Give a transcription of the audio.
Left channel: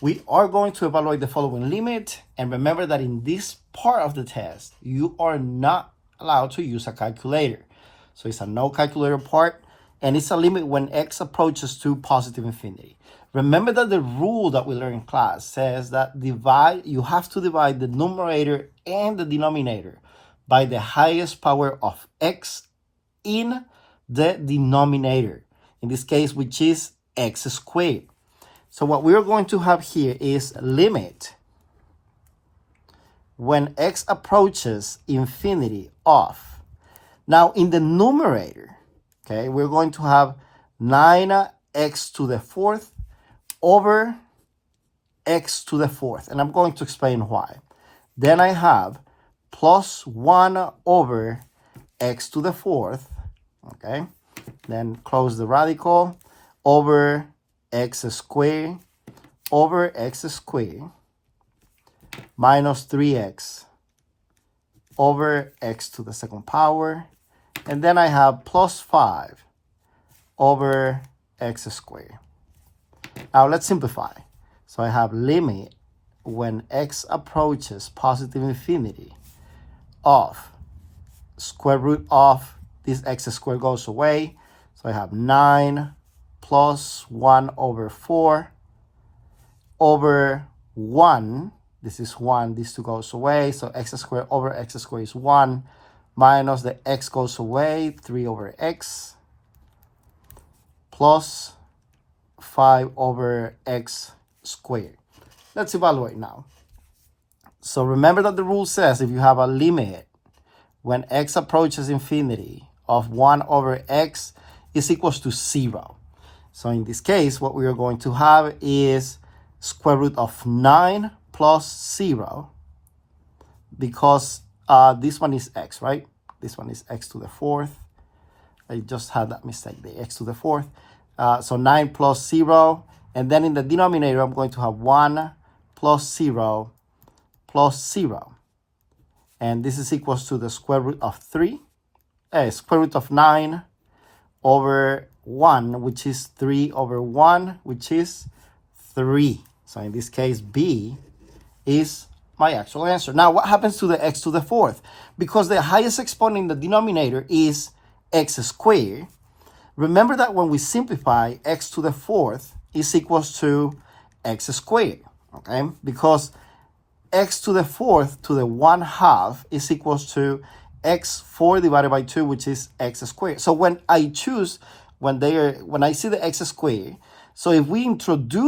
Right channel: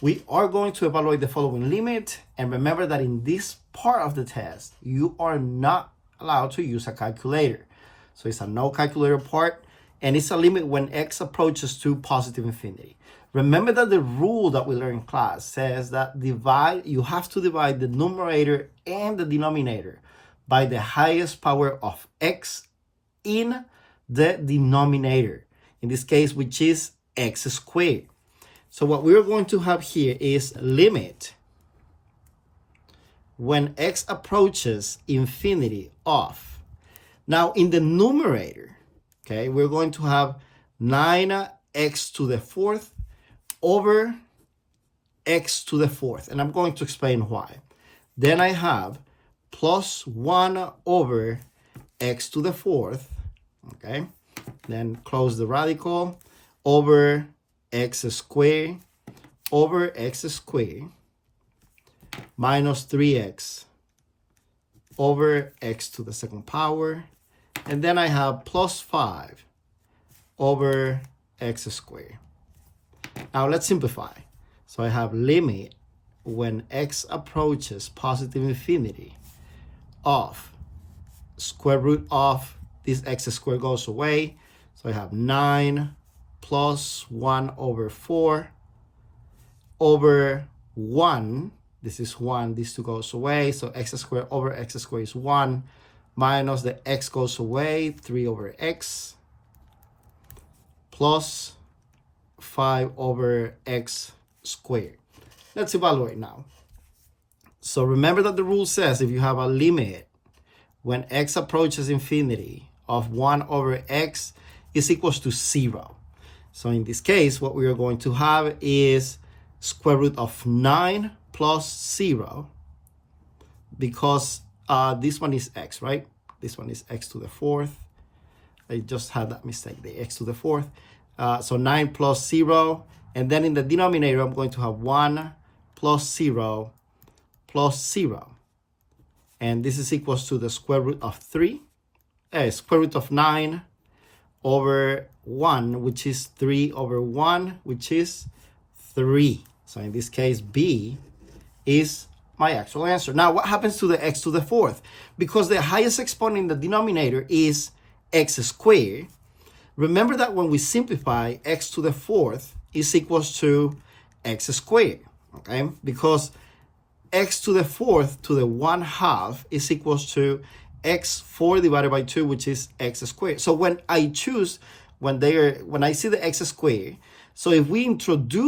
we are going to evaluate the following limit. And remember that in this part of the test, you are not allowed to use a calculator. So it's a no calculator part, and it's a limit when x approaches to positive infinity. Remember that the rule that we learned in class says that you have to divide the numerator and the denominator by the highest power of x in the denominator, in this case, which is x squared. So what we are going to have here is limit when x approaches infinity of. Now in the numerator, okay, we're going to have 9x to the fourth over x to the fourth. And I'm going to explain why. Then I have plus 1 over x to the fourth, okay? Then close the radical over x squared over x squared minus 3x over x to the second power. And then I have plus 5 over x squared. Now let's simplify. So I have limit when x approaches positive infinity of square root of this x squared goes away. So I have 9 plus 1 over 4 over 1. This is 1. These two goes away. So x squared over x squared is 1. Minus the x goes away. 3 over x. Plus 5 over x squared. Let's evaluate now. So remember that the rule says if you have a limit when x approaches infinity of 1 over x is equals to 0. So in this case, what we are going to have is square root of 9 plus 0, because this one is x, right? This one is x to the fourth. I just had that mistake, the x to the fourth. So 9 plus 0. And then in the denominator, I'm going to have 1 plus 0 plus 0. And this is equals to the square root of 3. Square root of 9 over 1, which is 3 over 1, which is 3. So in this case, B is my actual answer. Now, what happens to the x to the fourth? Because the highest exponent in the denominator is x squared. Remember that when we simplify, x to the fourth is equals to x squared, okay? Because x to the fourth to the 1/2 is equals to x4 divided by 2, which is x squared. So when I choose, when I see the x squared, so if we introduce